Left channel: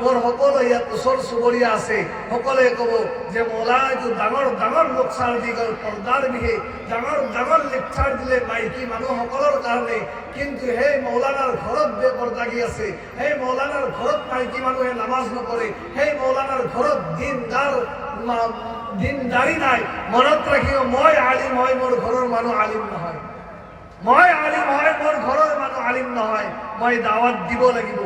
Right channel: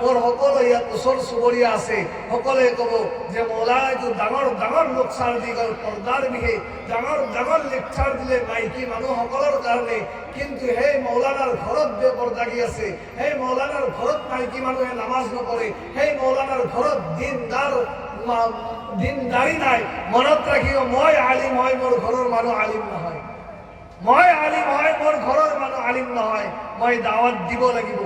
মোৰ সকলো ইয়াত ওচৰ চুবুৰীয়া আছে, সকলোৱে ক'ব যে মৌলানাইতো ডাঙৰ ডাঙৰ লোকচাৰ দি গ'ল পৰ্দাৰ বিহে, ডাঙৰ ডাঙৰ লেকচাৰ দিলে মাইকী মানুহসকলৰ কাৰণে, কিন্তু সেই মৌলানাৰ ঘৰত বেপৰ্দাগী আছে, সেই মৌলানাৰ ঘৰত মাইকী মানুহে নামাজ নপঢ়ে, সেই মৌলানাৰ ঘৰত দিনদাৰী নাই। মনত ৰাখিব, মই আলিম হয়, মোৰ ঘৰৰ মানুহ আলিম নহয়। মই আলিম হয়, মোৰ ঘৰৰ মানুহ আলিম নহয়। মই দাৱাত দিব লাগিব।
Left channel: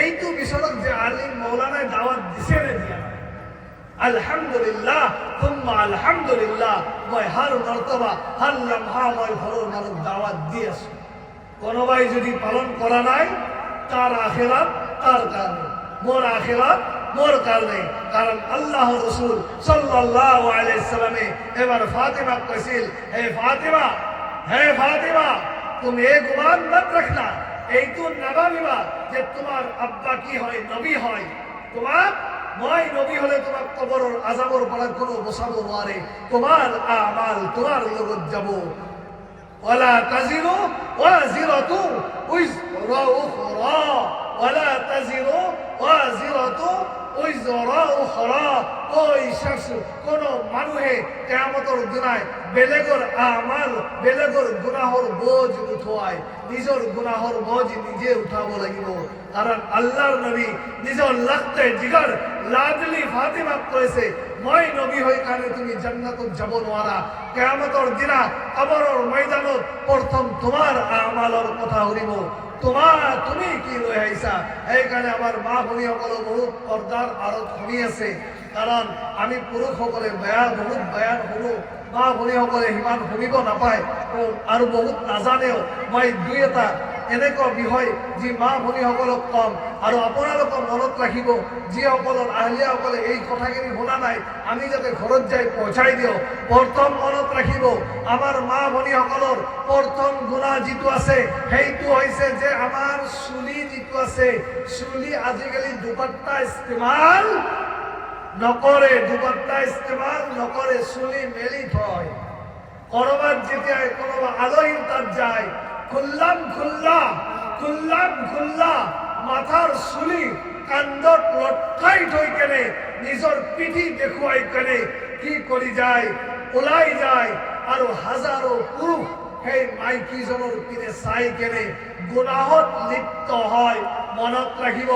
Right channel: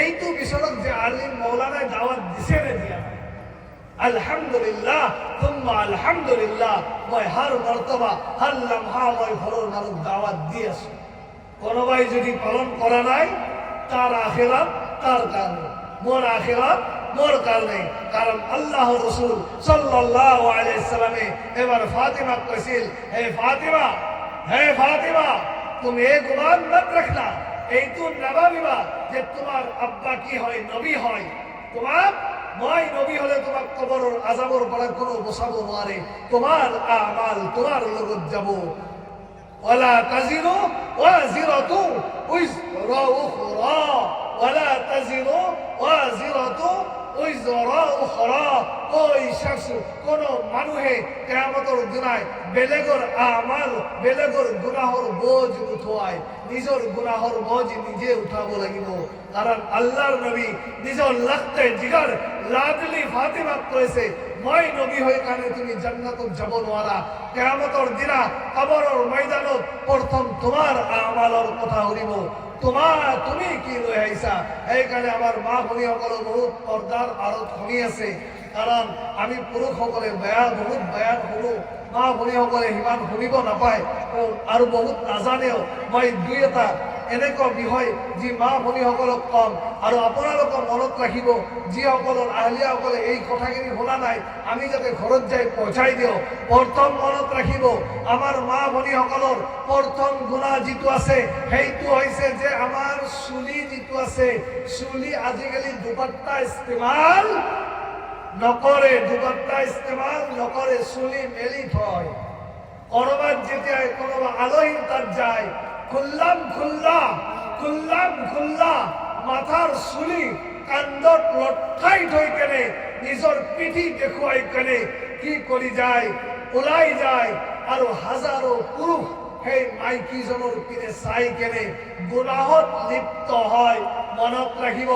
এইটো পিছতত যে আলিম মৌলানাই দাৱাত দিছে নে দিয়া? আলহামদুলিল্লাহ, তুম্মা আলহামদুলিল্লাহ। মই হাৰ মৰ্তবা, হাৰ লম্হা মই ঘৰৰ মানুহ দাৱাত দি আছো। কোনোবাই যদি পালন কৰা নাই, তার আখিরাত তার কারণে, মোর আখিরাত মোর কারণে। কারণ আল্লাহ রাসূল সাল্লাল্লাহু আলাইহি সাল্লামে এবার ফাতিমা কইছিল, হে ফাতিমা, তুমি এই গুমান মত রাখনা, এই তো নবাবিবা যে তোমার আব্বা কি হয়, নবী হয়। তোমার মই নবী হলে তোমার কবরের আযাবের পর কোনো বসাবো মারে, তোমার আমাল তোমার লগত যাব। ولا تزر وازرة وزر أخرى، ولا تزر وازرة وزر أخرى। ওই শখস কোন মানুহে কিয়ামতের দিনায় বেলেগর আমাল, বেলেগর গুনাহর বোঝ উঠায়, নিজের গুনাহর বোঝ নিজে উঠাবো লাগিব। কারণ আল্লাহর নবী নিজের লাগতে জিগর লাডলি ফাতিমা কইছে, মই নবী হই কারণে তুমি জান্নাতত যাব নোৱাৰা। কিয়ামতেৰ দিনা কবৰেৰ ময়দানত প্ৰথম তোমাৰ আমালেৰ কথা শুনিব, তুমি কি লৈ আহিছা। এইকাৰণে আমাৰ মা ভনীসকলে বহুত পৰ্দাৰ আঁৰত শুনি আছে। কাৰণ আমি পুৰুষসকলে বহুত বেয়া শুনো, মা ভনীসকলে সিমান শুনিব নাপায় আৰু বহুত নাজানেও। মই দুই এটা এনেকুৱা বিষয় যি মা ভনীসকলক কম, আৰু আপোনালোকক মনত ৰাখিব, যিসকলৰ আহলিয়াসকলে এই কথাখিনি শুনা নাই, আমি যাতে ঘৰত যাই পहुঁচাই দিওঁ। প্ৰথম মনত ৰাখিব, আমাৰ মা ভনীসকলৰ প্ৰথম গুণা যিটো আছে সেইটো হৈছে যে আমাৰ চুলি যিটো আছে, চুলি আজিকালি দুপাট্টা ইস্তেমাল নকৰে, চুলি মেলি থয়। কৰবাত যেতিয়া কোনোবা আলহী তাত যায়, খুল্লাম খুল্লা মাথাৰ চুলি কান্দত লটকাই থৈ কেনে নিজৰ পিঠি দেখুৱাই কেনে কি কৰি যায়, ওলাই যায়। আৰু হাজাৰো পুৰুষ সেই মাইকীজনৰ পিনে চাই কেনে গুনাহত লিপ্ত হয়। মনত ৰাখিব,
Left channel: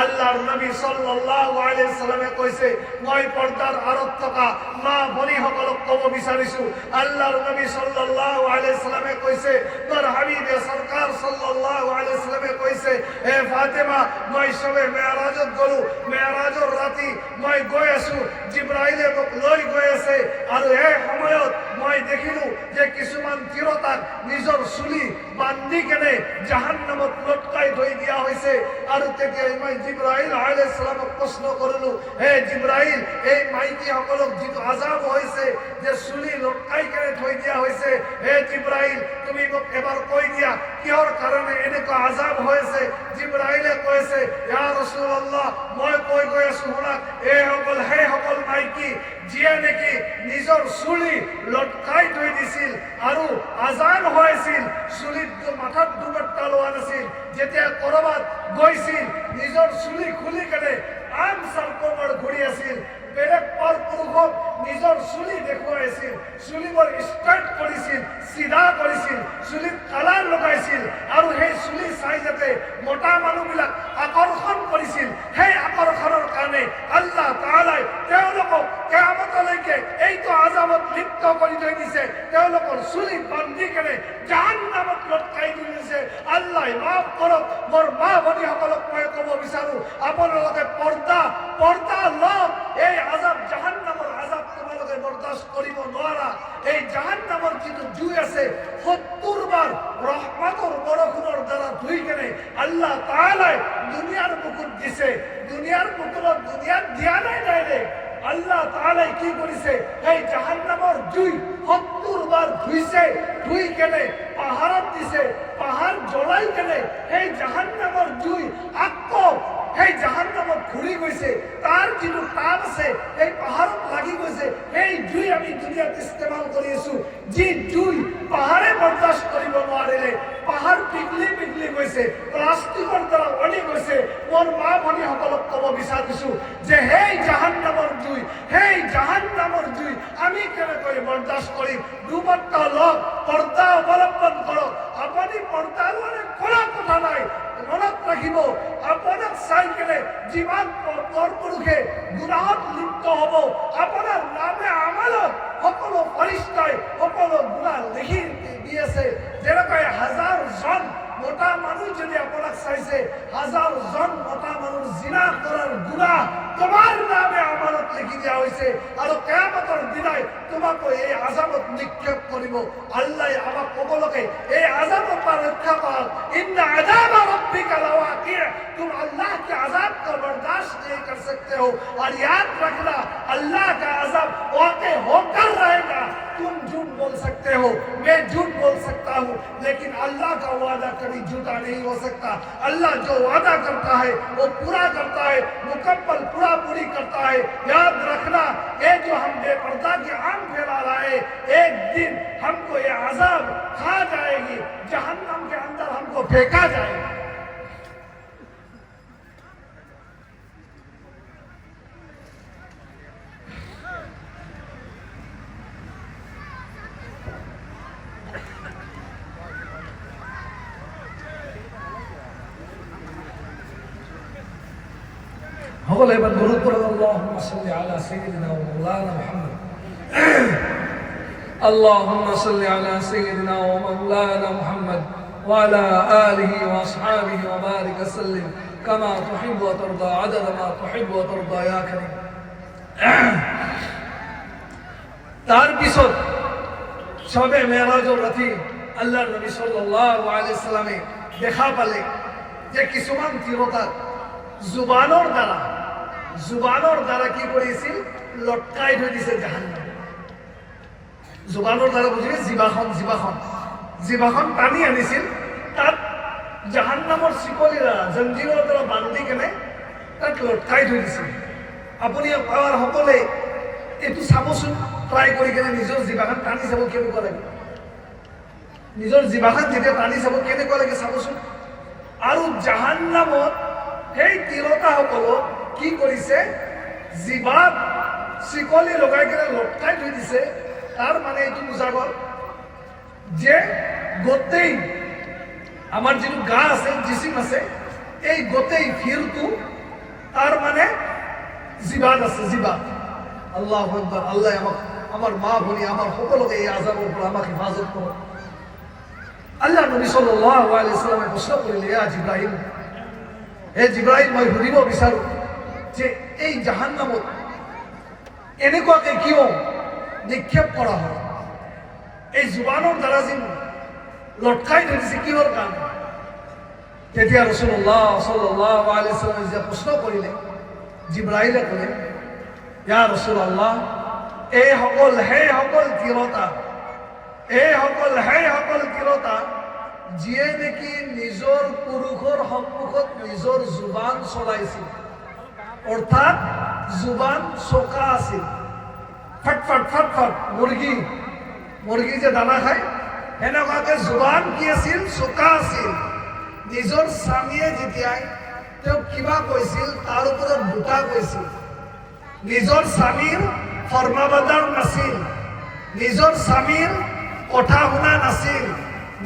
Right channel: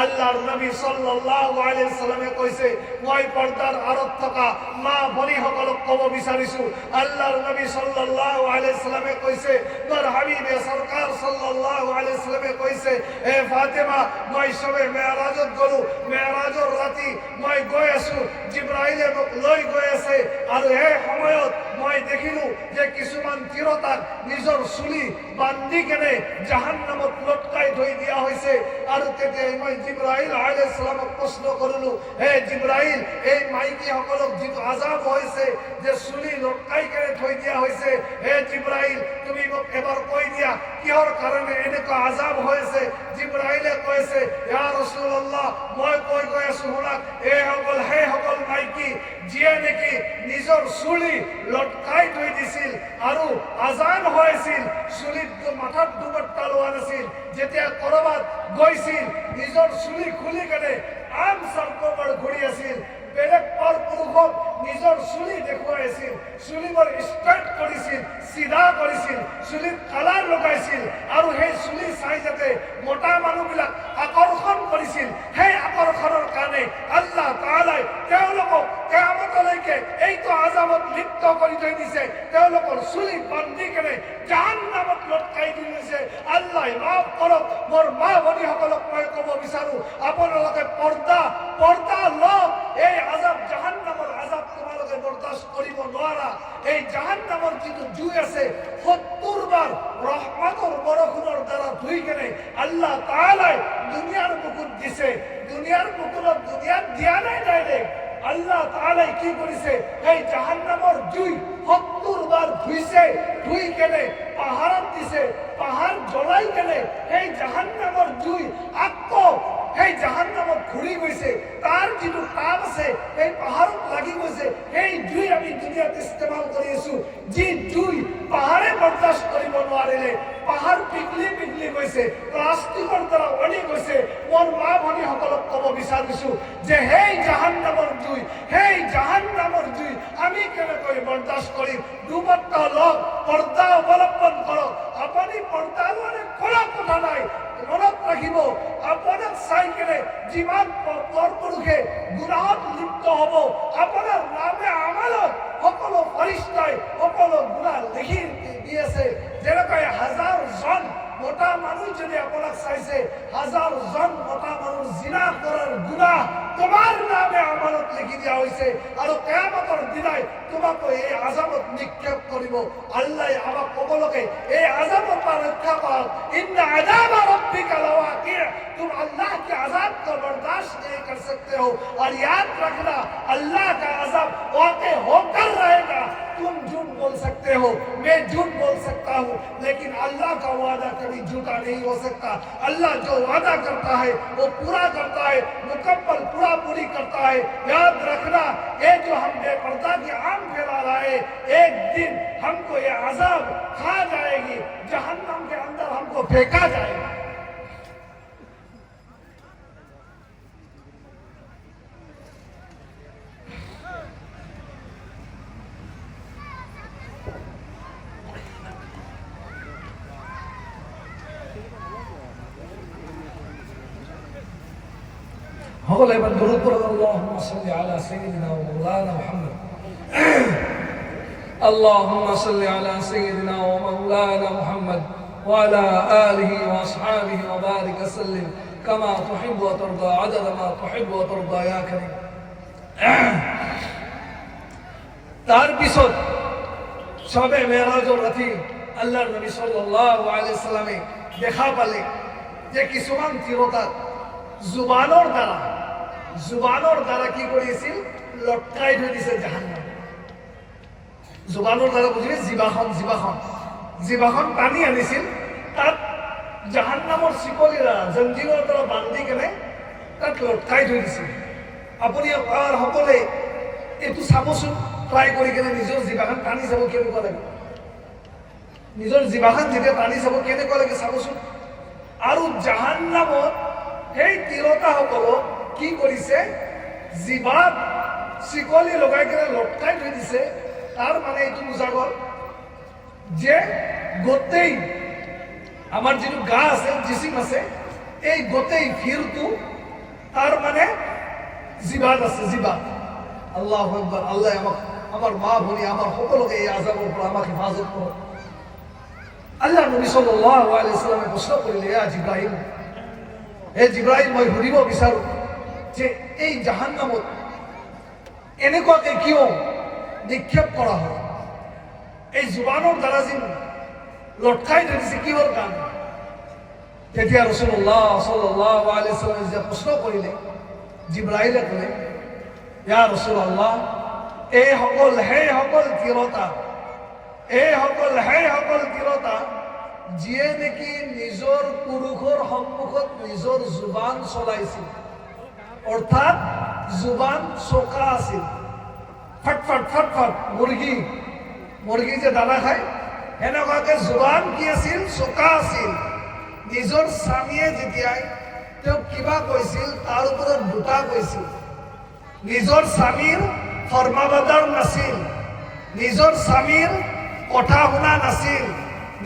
আল্লাহৰ নবী সাল্লাল্লাহু আলাইহি সাল্লামে কৈছে, মই পৰ্দাৰ আঁৰত থকা মা ভনীসকলক ক'ব বিচাৰিছো, আল্লাহৰ নবী সাল্লাল্লাহু আলাইহি সাল্লামে কৈছে, মোৰ হাবিবে সৰকাৰ সাল্লাল্লাহু আলাইহি সাল্লামে কৈছে, হে ফাতিমা, মই সবে মেৰাজত গলো, মেৰাজৰ ৰাতি মই গৈ আছো, জিব্ৰাইলে মোক লৈ গৈ আছে, আৰু এই সময়ত মই দেখিলো যে কিছুমান তিৰোতাক নিজৰ চুলি বান্ধি কেনে জাহান্নামত লটকাই থৈ দিয়া হৈছে। আৰু তেতিয়া মই জিব্ৰাইল আলাইহিস সালামক প্ৰশ্ন কৰিলো, হে জিব্ৰাইল, এই মাইকীসকলক যিটো আযাব হৈছে, যে চুলি লটকাই কেনে থৈ দিয়া হৈছে, হে জিব্ৰাইল, তুমি মোক এবাৰ কৈ দিয়া কিহৰ কাৰণে এনেকুৱা আযাব হৈছে। জিব্ৰাইলে কৈছে, ইয়া ৰাসূলুল্লাহ, মই কৈ গৈ আছো শুনক, সেইসকল মাইকী যিয়ে নেকি নিজৰ চুলি লটকাই থৈ দিছিল আৰু আজান হৈছিল, চুলিত মাথাত দুপাট্টা লোৱা নাছিল, যেতিয়া কৰবাত গৈছিল নিজৰ চুলি খুলি কেনে আন চাৰ্কোবাৰ ঘূৰি আছিল, বেলেগ পুৰুষক নিজৰ চুলি দেখুৱাইছিল, চুলিবোৰ ষ্ট্ৰেইট কৰিছিল, চিধা কৰিছিল, চুলিত কালাৰ লগাইছিল, আৰু সেই চুলি চাই যাতে মোটা মানুহবিলাক আকৰ্ষণ কৰিছিল। সেই আকৰ্ষণৰ কাৰণে আল্লাহ তাআলাই তেওঁলোকক কিয়ামতলৈকে এইটো আযাবত লিপ্ত কৰি থৈ দিছে। তেওঁলোকৰ চুলি বান্ধি কেনে জাহান্নামত লটকাই দি দিছে। আল্লাহ মাফ কৰক। মোৰ মা ভনীসকলক মই ক'ব বিচাৰো, আপোনালোকে পৰ্দা লওক। এই আযাব, জাহান্নামৰ আযাব তোমালোকে বৰদাস্ত কৰিব নোৱাৰা। এই জাহান্নামৰ যিটো জুই আছে, 70 বাৰ ৰহমতৰ বৰষুণৰ দ্বাৰা ধুই কেনে আল্লাহ তাআলাই দুনিয়াৰ বুকুত দিছে। দুনিয়াৰ বুকুত দুনিয়াত দিয়া নাই ডাইৰেক্ট। আল্লাহ তাআলাই কি কৰিছে, এই জাহান্নামৰ জুই 70 বাৰ ধুইছে, ধুই কেনে পাহাৰত দিছে, পাহাৰ জ্বলাই কেনে এই জাহান্নামৰ জুই আকৌ সেই জাহান্নামত ঘূৰি গৈছে, তাৰ যিটো তাপ আছে সেই পাহাৰত লাগি গৈছে, সেই জুই আমি দুনিয়াত ইস্তেমাল কৰি আছো। যি জুই পাহাৰে বৰদাস্ত কৰিব নোৱাৰিলে, পাহাৰ পিঘলি পিঘলি গৈছে, প্লাষ্টিকৰ দ্বাৰা ওলমি গৈছে। মোৰ মা ভনীসকলক ক'ব বিচাৰিছো যে সেই জাহান্নামৰ জুই, সেই জাহান্নামৰ জুই আমি কেনেকৈ বৰদাস্ত কৰিম? দুবত্তা লওক, পৰ্দা অৱলম্বন কৰক। আপুনি পৰ্দাৰ মানে কৰা কথা নাই, মনত ৰাখিব, আপোনাক চাই কেনে যিমান পৰপুৰুষে গুনাহত লিপ্ত হ'ব, আপোনাৰ নামে আমালত সকলো ফৰিস্তাই সকলো গুনাহ লিখি দি আছে। যেনেকৈ 1000 জন মতা মানুহ যদি আপোনাক চাইছে, 1000 জন মতা মানুহ জিনা কৰাৰ গুনাহ তোমাৰ নামে আমানত লিখি দিয়া হৈছে, আৰু কিয়ামতৰ দিনাই তোমাকো এই আযাবত নিক্ষেপ কৰিব। আল্লাহ আমাক ক'ব লাগে এই আযাবৰ পৰা ৰক্ষা পাওক। ইন্না আযাবা रब्बिका लवाक़िअ, तुम अल्लाह के अजाब को बर्दाश्त नहीं कर सकते हो। और याद रखना अल्लाह का अजाब वाक़ई होकर रहेगा। तुम झूठ बोल सकते हो, मैं झूठ बोल सकता हूँ, लेकिन अल्लाह का वादा कभी झूठा नहीं हो सकता। अल्लाह जो वादा करता है वो पूरा करता है, मुकम्मल पूरा पूरी करता है। याद रखना ये जो हम बेपर्दा की आम फैला रहा है, एक दिन हमको ये अजाब खा जाएगी, जहन्नम के अंदर हमको फेंका जाएगा। هو اللي بدرود اللهم صل على سيدنا ومولانا محمد. اللهم صل على سيدنا ومولانا محمد وعلى آله وأصحابه وبارك وسلم كما تحب وترضى عدد ما تحب وترضى يا كريم. তার পিছত সবে মেরাজের রাতে আল্লাহর নবী সাল্লাল্লাহু আলাইহি সাল্লামে দেখা পালে যে কিছুমান তিরতা জুবানৰ দ্বাৰা কি কৰিছিল? লটকাই থৈ দিছে জাহান্নামে। জুবানৰ দ্বাৰা বুজিলে জিভাখন টানি আনিছিল, তাত জাহান্নামৰ চিকলিৰা জঞ্জিৰৰ দ্বাৰা বান্ধি কেনে তাত লটকাই থৈ দিছিল। আপুনি সকলে এইটো চাবচোন, ট্ৰাই কৰি কেনে নিজৰ জিভাখন টানি চাব কেনেকুৱা লাগে। নিজৰ জিভাখন যেতিয়া টানি চাব কেনেকুৱা লাগে চাবচোন। আৰু জাহান্নামত সেই তিৰতাসকলক কি কৰিছে? জিভাত চিকলি লগাই কেনে লটকাই থৈ দিছে। তাৰ মানে এইটো বুজা গ'ল যে গোটেই আমাৰ যিটো গা আছে, জিচিম আছে, এই গোটেই ফিৰটো তাৰ মানে জিভাত আছে, জিভাত। আল্লাহু আকবাৰ। আল্লাহ আমাক, আমাৰ মা ভনী, আমাৰ সকলকে এই আযাবেৰ পৰা আমাক হেফাজত কৰক। আল্লাহ নবী সাল্লাল্লাহু আলাইহি সাল্লামে প্ৰশ্ন কৰিলে, ইয়া জিব্ৰাইল, হে জিব্ৰাইল, মই সুধিব বিচাৰো যে এই জাহান্নামত এনেকুৱাকে কিয় নিক্ষেপ কৰা হয়? এই জুবানৰ দ্বাৰা যে লটকাই থৈ দিছে, কিহৰ কাৰণে? তেতিয়া ৰাসূলুল্লাহ সাল্লাল্লাহু আলাইহি ওয়াসাল্লাম যে প্ৰশ্ন কৰিলে, জিব্ৰাইলে ক'লে, ইয়া ৰাসূলুল্লাহ, এই সকল তিৰতা যিয়ে নেকি নিজৰ পুৰুষৰ সন্মুখত নিজৰ জুবান চলাইছিল, অৰ্থাৎ জুবান চোকা আছিল। ফটফট মুৰ্গী যে দানা খায়, সেনেকুৱাকে জুবান কি আছিল? চোকা আছিল। নিজৰ স্বামীয়ে যেতিয়াই তেওঁক কিবা কৈছিল, তাৰ ওপৰত দুটা কৈছিল। নিজৰ স্বামীৰ ফৰমাবৰদাৰ নাছিল, নিজৰ স্বামীৰ কথা শুনা নাছিল,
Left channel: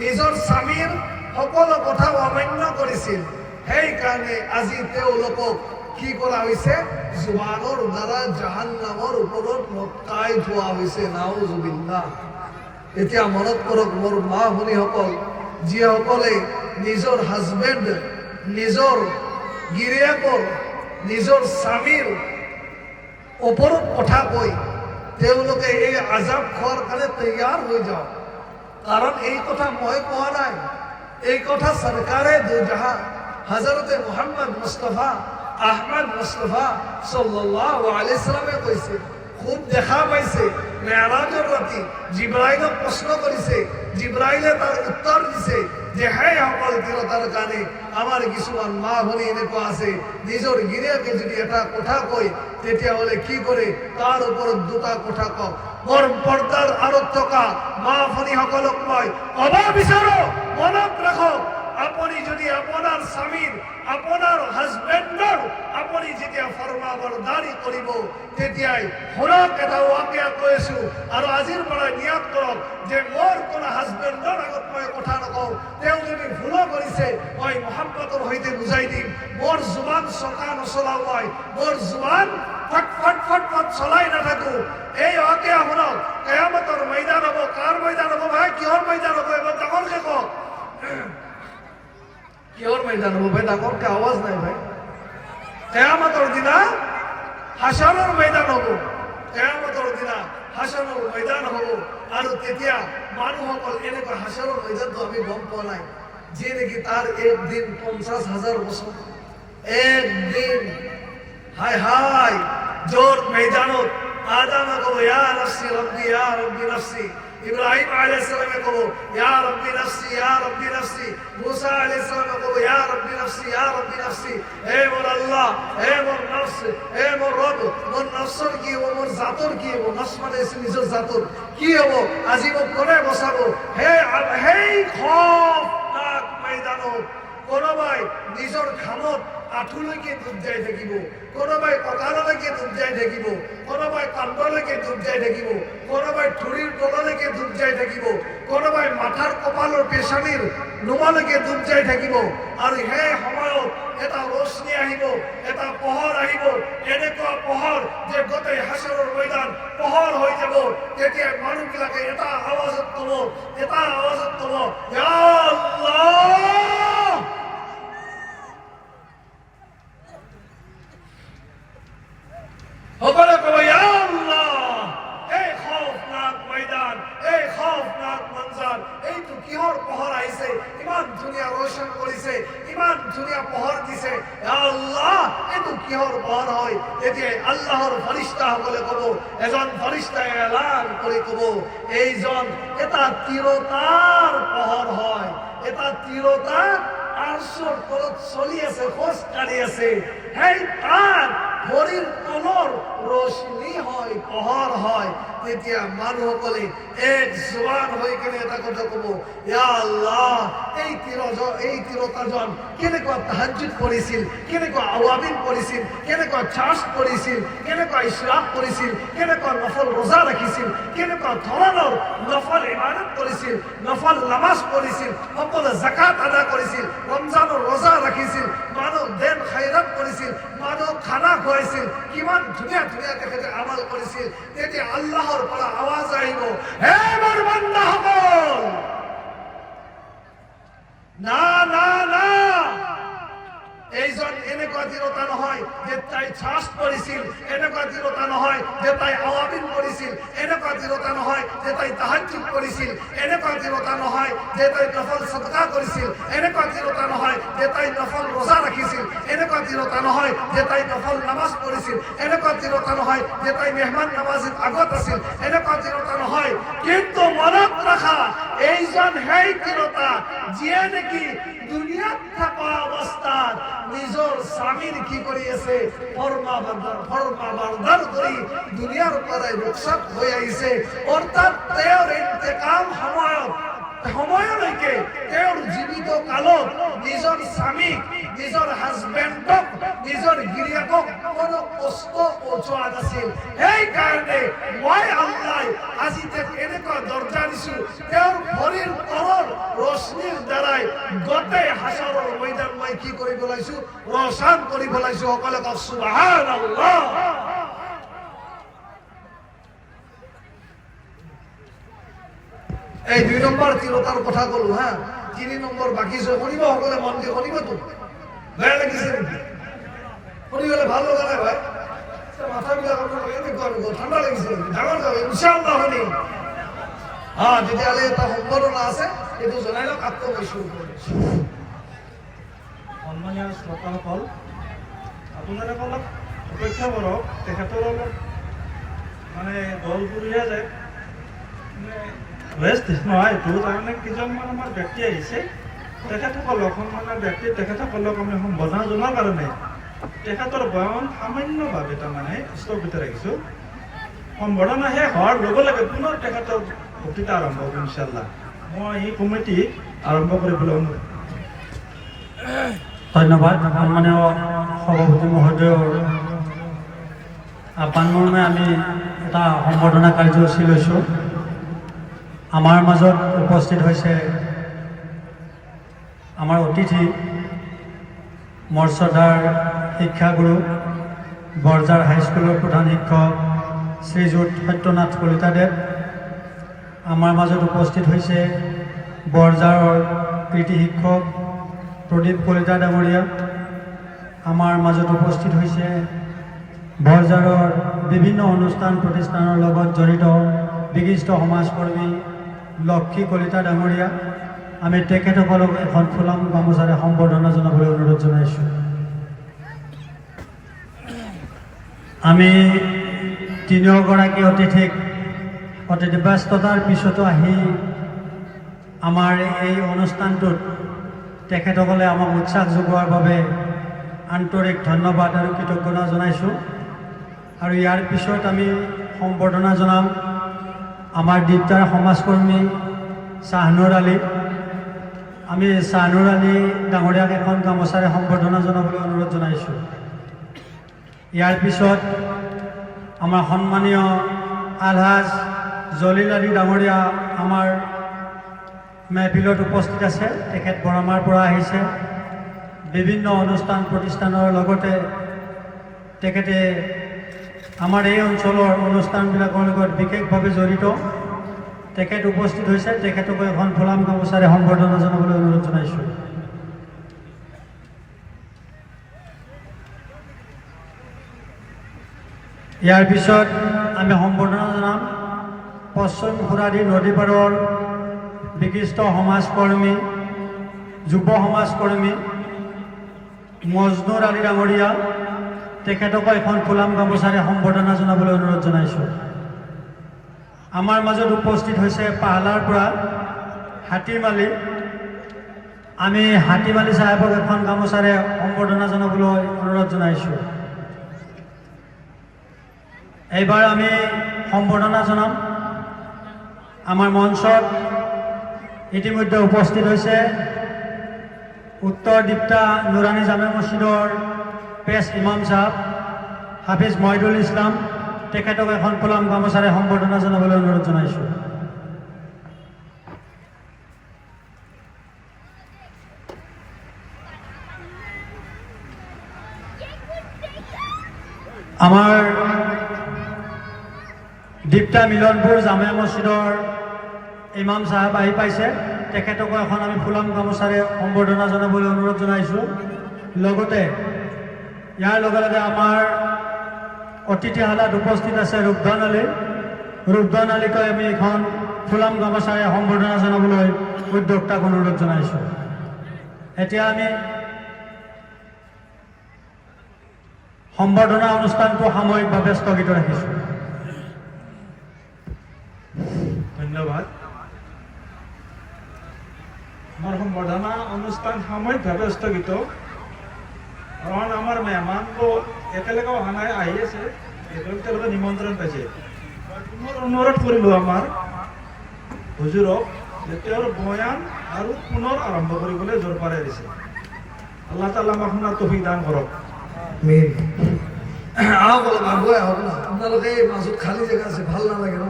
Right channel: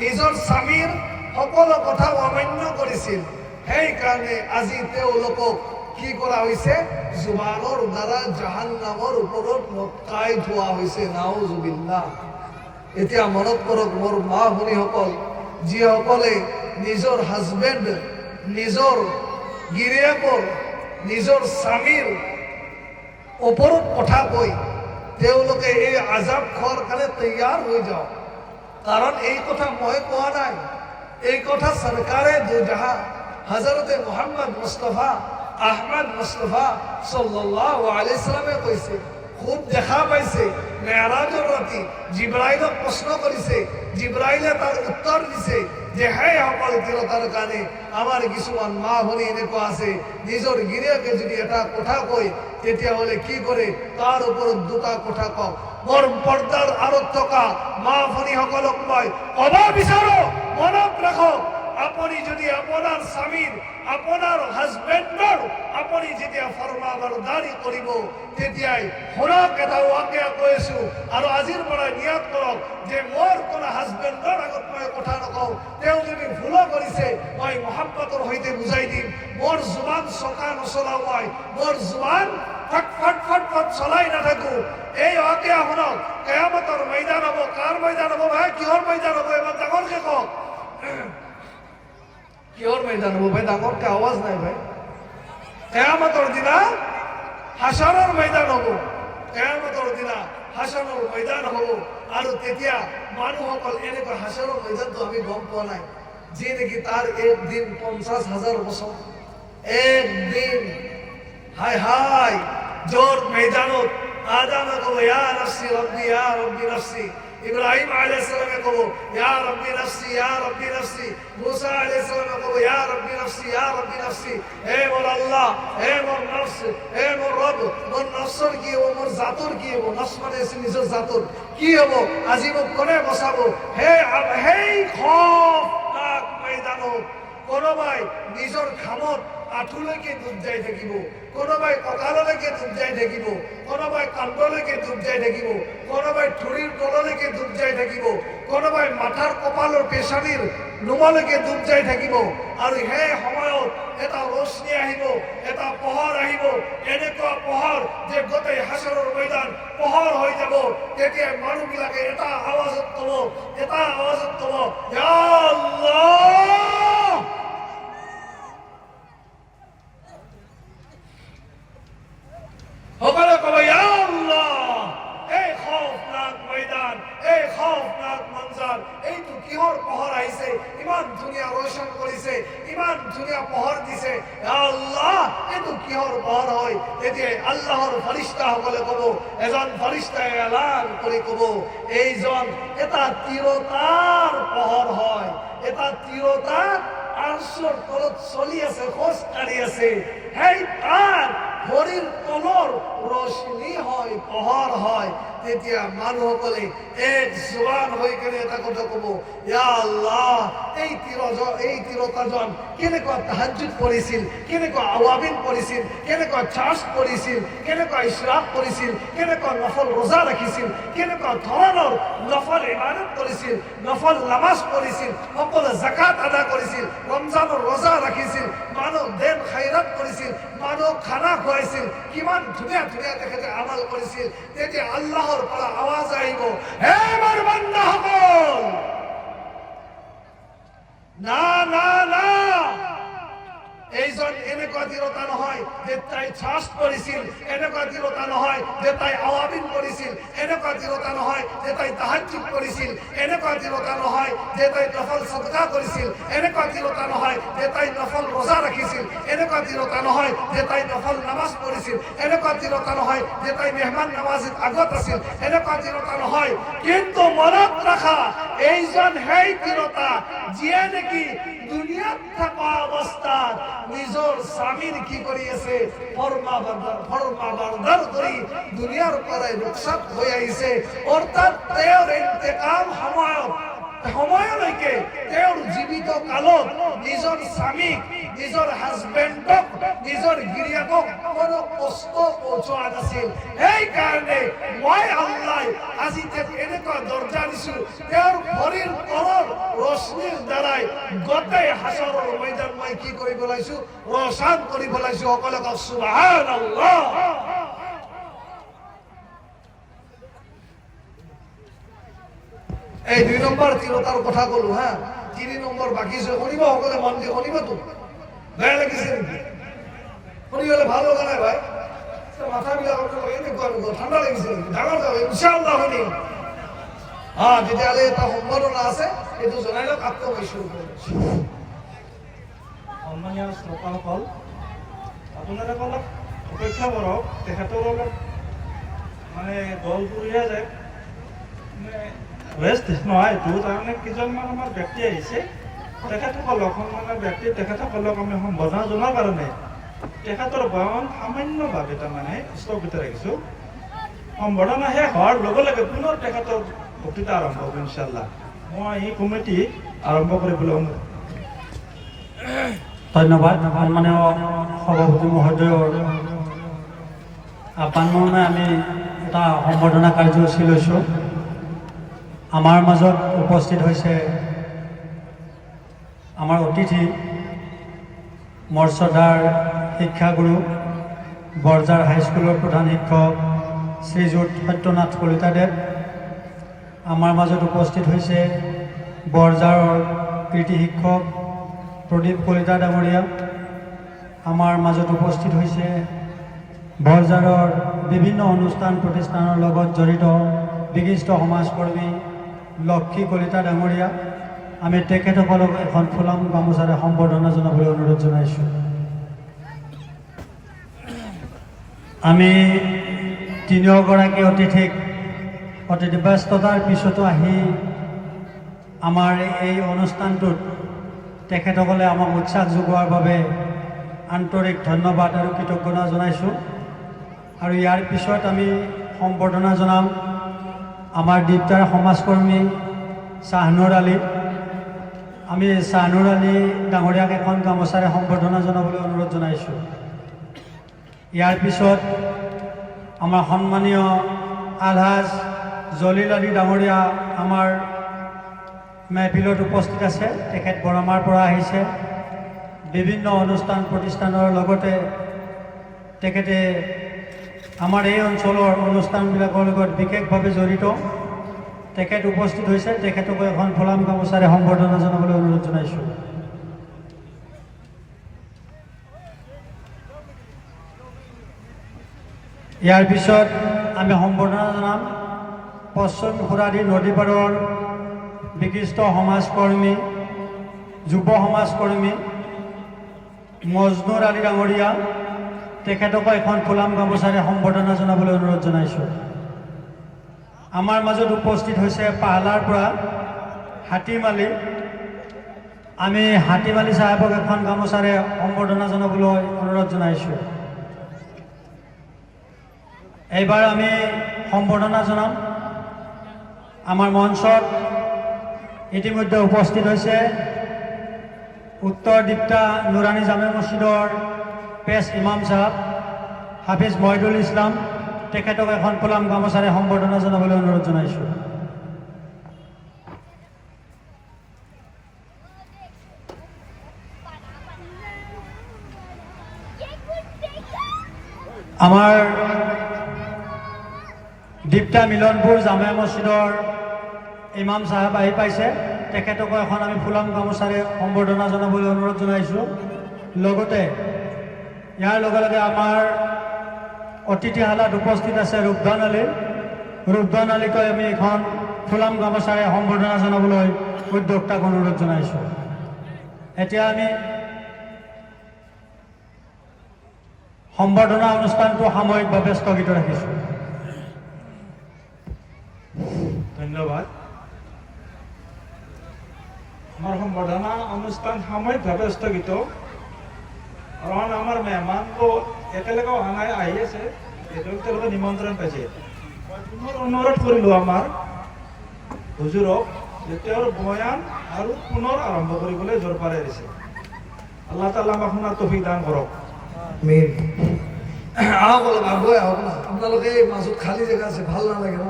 নিজৰ স্বামীৰ সকলো কথা অমান্য কৰিছিল। সেইকাৰণে আজি তেওঁলোকক কি কৰা হৈছে? জুবানৰ দ্বাৰা জাহান্নামৰ ওপৰত লটকাই থোৱা হৈছে। নাউজুবিল্লাহ। এতিয়া মনত কৰক মোৰ মা ভনীসকল, যিসকলে নিজৰ হাজবেণ্ড, নিজৰ গিৰিয়েকৰ, নিজৰ স্বামীৰ ওপৰত কথা কৈ তেওঁলোকে এই আজাব খোৱাৰ কাৰণে তৈয়াৰ হৈ যাওক। কাৰণ এই কথা মই কোৱা নাই, এই কথা চৰকাৰে দুজাহা হজৰতে মোহাম্মদ মুস্তফা আহমদ মুস্তফা সাল্লাল্লাহু আলাইহি সাল্লামে কৈছে। খুব দেখা পাইছে মেৰাজৰ ৰাতি জিব্ৰাইলক প্ৰশ্ন কৰিছে, জিব্ৰাইলে তাৰ উত্তৰ দিছে যে সকল তিৰোতাৰ কাৰণে আমাৰ কিছুমান মা ভনী এনেকুৱা আছে নিজৰ গিৰিয়েকে যদি এটা কথা কয় তেতিয়াহ'লে কি কৰে তাৰ ওপৰত দুটা কথা কওক মোৰ পৰ্দাৰ আঁৰত থকা মা ভনীসকলক মই ক'ব বিচাৰো মনত ৰাখক আপুনি যদি আপোনাৰ স্বামীৰ আপোনাৰ হাজবেণ্ডৰ আপুনি যেতিয়া ফৰমাবৰদাৰী কৰিব তেতিয়াই শুনক এটা ৱাকিয়া কৈছো আৰু আজিৰ পৰাই নিয়ত কৰক যে মোৰ কোনো হাজবেণ্ডৰ আগত মই কথা নকওঁ তেওঁ যদি ভুলো কৰিছে মই মহব্বতৰ সৈতে বুজাই দিম মোৰ জুবান চকা নচলাও মই মোৰ জুবান ফট ফট ফট ফট চলাই নাথাকো এই ৱাকিয়া শুনক কিয়ামতৰ ময়দান হ'ব কাৰ ময়দান হ'ব ভাই কিহৰ ময়দান হ'ব এবাৰ ডাঙৰকে কওক কিহৰ ময়দান হ'ব ভাই ডাঙৰকে আৱাজ নাই ভাই কিয়ামতৰ দিনা হাসৰৰ ময়দান হ'ব কিয়ামতৰ দিনা হাসৰৰ ময়দান হ'ব আৰু তেতিয়া মানুহসকল এনেকুৱা হাসৰৰ ময়দানটো আমি গম পোৱা নাই যে নেকি তাৰ একদিন 50,000 বছৰ একদিন হায় হায় জোর ময়দানত আদামে কব ইয়া নফসি রব্বি নফসি ইব্রাহিম আলাইহিস সালামে কব ইয়া রব্বি নফসি মুসা আলাইহিস সালামে কব ইয়া রব্বি নফসি হে মোর আল্লাহ হে মোর নফস হে মোর রব মোর নফসর কি হবো মোর জাতর কি হবো নফস মানে নিজের জাতর কি হবো আজি মোক কোনে বচাবো হে খৌফনাক ময়দানত কোনোবাই নিজৰ ঘামত আঁঠুলৈকে ডুব যাই থাকিব কোনোবাই কঁকাললৈকে ডুব যাই থাকিব কোনোবাই কান্ধলৈকে ডুব যাই থাকিব কোনোবাই থুৰিৰ তললৈকে ডুব যাই থাকিব কোনোবাই মাথাৰ কপালৰ পেচানিৰ নোমালৈকে ডুব যাই থাকিব আৰু সেই সময়ত এটা ৰশ্মি আহিব এটা পোহৰ আহিব এনেকুৱা পোহৰ যে গোটেই হাসৰৰ ময়দান পোহৰ হৈ যাব তেতিয়া মানুহবিলাকে এটা আৱাজত ক'ব ইয়া আল্লাহ সকলে কব ইয়া আল্লাহ এই খৌফনাক ময়দান এই খৌফনাক মঞ্জাৰ এইটো কিহৰ পোহৰ আহিছে ইমান ধুনীয়া ৰোশন কৰিছে ইমান ধুনীয়া পোহৰ দিছে ইয়া আল্লাহ এইটো কিহৰ পোহৰ হয় এতিয়া আল্লাহৰ ফৰিষ্টাসকলে কব এজন ফৰিষ্টাই এলান কৰি কব এইজন এটা তিৰোতাৰ পোহৰ হয় এটা তিৰোতা আৰশৰ তলত চলি আছে খোজ কাঢ়ি আছে সেই তাৰ ভৰিৰ তলৰ ৰশ্মি হয় পোহৰ হয় তেতিয়া মানুহসকলে এক জোৱান হৈ কেনে এটা কথা ক'ব ইয়া আল্লাহ এই তিৰোতাজন কেনেকুৱা তাহাজ্জুদ কৰিছিল কেনেকুৱা আৱাবিন কৰিছিল কেনেকুৱা চাৰ্জ কৰিছিল কেনেকুৱা ইশৰাক কৰিছিল কেনেকুৱা নফল ৰোজা ৰাখিছিল কেনেকুৱা ধৰণৰ নফল ইবাদত কৰিছিল নফল নামাজ পঢ়িছিল সকলো জাকাত আদা কৰিছিল ৰমজানৰ ৰোজা ৰাখিছিল মানুহ দেন খাইৰাত কৰিছিল মানুহ খানা খুৱাইছিল কিমান ধুনীয়া ধুনীয়া তেখেতে আমাল কৰিছিল তেতিয়া আল্লাহৰ পৰা আৱাজ আহিব হে মোৰ বান্দাসকল না না না এইজন এনেকুৱা তিৰোতা নহয় যে তাই চাৰ্জ কৰিছিল এনেকুৱা তিৰোতা নহয় যে তাই আৱাবিন কৰিছিল এনেকুৱা তিৰোতা নহয় যে তাই তাহাজ্জুদ কৰিছিল এনেকুৱা তিৰোতা নহয় যে তাই নফল সদকা কৰিছিল এনেকুৱা তিৰোতা নহয় যে তাই নফল ৰোজা ৰাখিছিল এনেকুৱা তিৰোতা নহয় যে তাই নফল নামাজ পঢ়িছিল এনেকুৱা তিৰোতা নহয় যে তাই মেহমান নামাজত আগত আছিল এনেকুৱা তিৰোতা নহয় কিন্তু মনত ৰাখা এইজন সেই তিৰোতা যিয়ে নেকি দুনিয়াত থকা অৱস্থাত নিজৰ স্বামীৰ কি কৰি আছে ফৰমাবৰদাৰ কৰি দুনিয়াৰ পৰাই ৰুখসাত হৈ আহিছে অৰ্থাৎ তেওঁৰ ইন্তেকাল সময়লৈকে তেওঁৰ জীৱিত কালত নিজৰ স্বামীক নিজৰ হাজবেণ্ডক নিজৰ গিৰিয়েকক কোনো কষ্ট পહોঁচোৱা নাছিল সেইকাৰণে মই আল্লাহ আজি এনেকুৱা দৰ্জা দিছো তেওঁৰ ভৰিৰ তলৰ ৰশ্মিৰ দ্বাৰাই গোটেই হাসৰৰ ময়দান মই কি কৰি পেলাইছো ৰোশন কৰি পেলাইছো সকলে কওক সুবহানাল্লাহ এই 2 নম্বৰ তিৰোতাৰ কথা কলো হা 3 নম্বৰ বাকী আছে শুনিব সকলে মন দি শুনিবতো বেয়া লাগিছে নেকি শুনিবলে ভাল লগা নাই ভাই মাথাবিলাক এনেকুৱা ঠাণ্ডা লাগিছে ডাঙৰ ইনশাআল্লাহ শুনিম তেতিয়াহ'লে এটা সম্ভাৱনা আছে এইটো জনাই লওক আকৌ মই শুৰু কৰিছো সম্মানীয় শ্ৰোতাসকল আপোনালোকে অলপ অপেক্ষা কৰক তেখেতৰ অলপ মানে গলপুৰীয়া যায় ৰেষ্ট নহয় এইটো তাৰমানে কেইজনমান আমাৰ ব্যক্তি আহিছে তেখেতসকলক সন্মানৰ ব্যক্তি তেখেতসকলক আমি সম্বোধন জনোৱাৰ কাৰণে তেখেতৰ বয়ন সামান্যভাৱে তাৰমানে স্থগিত ৰাখিছোঁ। সম্বোধনা শেষ হোৱাৰ লগে লগে পুনৰ তেখেতৰ বক্তৃতা আৰম্ভ হ'ব ইনশাআল্লাহ। মই এই কমিটি আৰম্ভ কৰিবলৈ অনুৰোধ। ধন্যবাদ মাননীয় সভাপতি মহোদয়। পানমৰ্মে আমি এটা সম্বৰ্ধনা কাৰ্যসূচী লৈছোঁ। আমাৰ মাজত উপস্থিত হৈছে আমাৰ অতিথি মৰ্যাদাৰ শিক্ষাগুৰু বৰজাৰ হাইস্কুলৰ প্ৰধান শিক্ষক শ্ৰীযুত সত্যনাথ কলিতাদেৱ। আমাৰ মাজত উপস্থিত হৈছে বৰজাৰৰ কৃতি শিক্ষক প্ৰদীপ কলিতা ডাঙৰীয়া। আমাৰ মাজত উপস্থিত হৈছে বৰজাৰৰ বিভিন্ন অনুষ্ঠান প্ৰতিষ্ঠানৰ লগত জড়িত বিশিষ্ট সমাজকৰ্মী লক্ষী কলিতা ডাঙৰীয়া। আমি তেখেতসকলক এখন ফুলাম গামোচাৰে সম্বৰ্ধনা জনাবলৈ অনুৰোধ জনাইছোঁ। আমি তিনিওগৰাকী অতিথিক অতিথি ব্যস্ততাৰ পিছতো আহি আমাৰ এই অনুষ্ঠানটোত তেখেতসকলে আমাক উৎসাহ যোগোৱাৰ বাবে আন্তৰিক ধন্যবাদ আৰু কৃতজ্ঞতা জনাইছোঁ। আৰু ইয়াৰ পিছত আমি সম্বৰ্ধনা জনাম আমাৰ দীপ্তাৰ সমাজকৰ্মী শ্বাহনুৰ আলী। আমি শ্বাহনুৰ আলী ডাঙৰীয়াক এখন গামোচাৰে সম্বৰ্ধনা জনাবলৈ অনুৰোধ জনাইছোঁ। ইয়াৰ পিছত আমাৰ সন্মানীয় আলহাজ জলিল আলী ডাঙৰীয়া আমাৰ মেহফিলত উপস্থিত আছে। তেখেত বৰমাৰ পৰা আহিছে। বিভিন্ন অনুষ্ঠান প্ৰতিষ্ঠানৰ লগতে তেখেতে আমাৰ এই অঞ্চলৰ অনুষ্ঠানবিলাকৰ লগত বিশেষভাৱে জড়িত। তেখেত উপস্থিত হৈছে। তেখেতকো এখন ফুলাম গামোচাৰে সম্বৰ্ধনা জনাবলৈ অনুৰোধ জনাইছোঁ। ইয়াৰ পিছত আমি সম্বৰ্ধনা জনাম পশ্চিম খুৰাদি নদী পাৰৰ বিশিষ্ট সমাজকৰ্মী যুৱ সমাজকৰ্মী মজনুৰ আলী ডাঙৰীয়া। তেখেতকো এখন ফুলাম গামোচাৰে সম্বৰ্ধনা জনাবলৈ অনুৰোধ জনাইছোঁ। আমাৰ মাজত উপস্থিত হৈছে পাহালাৰ পৰা হাতীম আলী। আমি হাতীম আলী চাহেবক এখন গামোচাৰে সম্বৰ্ধনা জনাবলৈ অনুৰোধ জনাইছোঁ। এইবাৰ আমি সম্বৰ্ধনা জনাম আমাৰ মঞ্চত ইতিমধ্যে উপস্থিত হৈছে উত্তৰ দীপ্তা নুৰানী জামে মছজিদৰ পেছ ইমাম চাহাব হাফিজ মহিদুল ইছলাম। তেখেতক এখন ফুলাম গামোচাৰে সম্বৰ্ধনা জনাবলৈ অনুৰোধ জনাইছোঁ। আমাৰ দীপ্তা মিলনপুৰ জামে মছজিদৰ ইমাম চাহেব আহি পাইছে। তেখেতকো এখন আমি ফুলাম গামোচাৰে সম্বৰ্ধনা জনাবলৈ অনুৰোধ জনাইছোঁ। লগতে ইয়াৰ লগে লগে আমাৰ অতিথিশালাত উপস্থিত আছে ৰূপধন আলী। ৰূপধন আলীকৈ আমি এখন ফুলাম গামোচাৰে সম্বৰ্ধনা জনাবলৈ উদ্যোক্তাক অনুৰোধ জনাইছোঁ। এতিয়া আমি সম্বৰ্ধনা অনুষ্ঠানটো সাময়িকভাৱে স্থগিত ৰাখিছোঁ। ধন্যবাদ। আমাৰ সম্বৰ্ধনা অনুষ্ঠান সাময়িকভাৱে স্থগিত, কাৰণ আমাৰ মেহমানটো একেলগে অহা নাই, আহি আছে। তেওঁলোকে নিমন্ত্ৰণ পাইছে। মই পুনৰ অনুৰোধ কৰিলোঁ আমাৰ হুজুৰক যে তেওঁৰ বয়ান আৰু পুনৰ আৰম্ভ কৰিবলৈ জোৰ পাৰাই দিছে। আল্লাহ তাআলা আমাক শুনাৰ তৌফিক দান কৰক। আহক অলপ আগুৱাই আহক না। আপোনালোকে এই মাজত খালী জেগা আছে, ভাল নালাগে ন।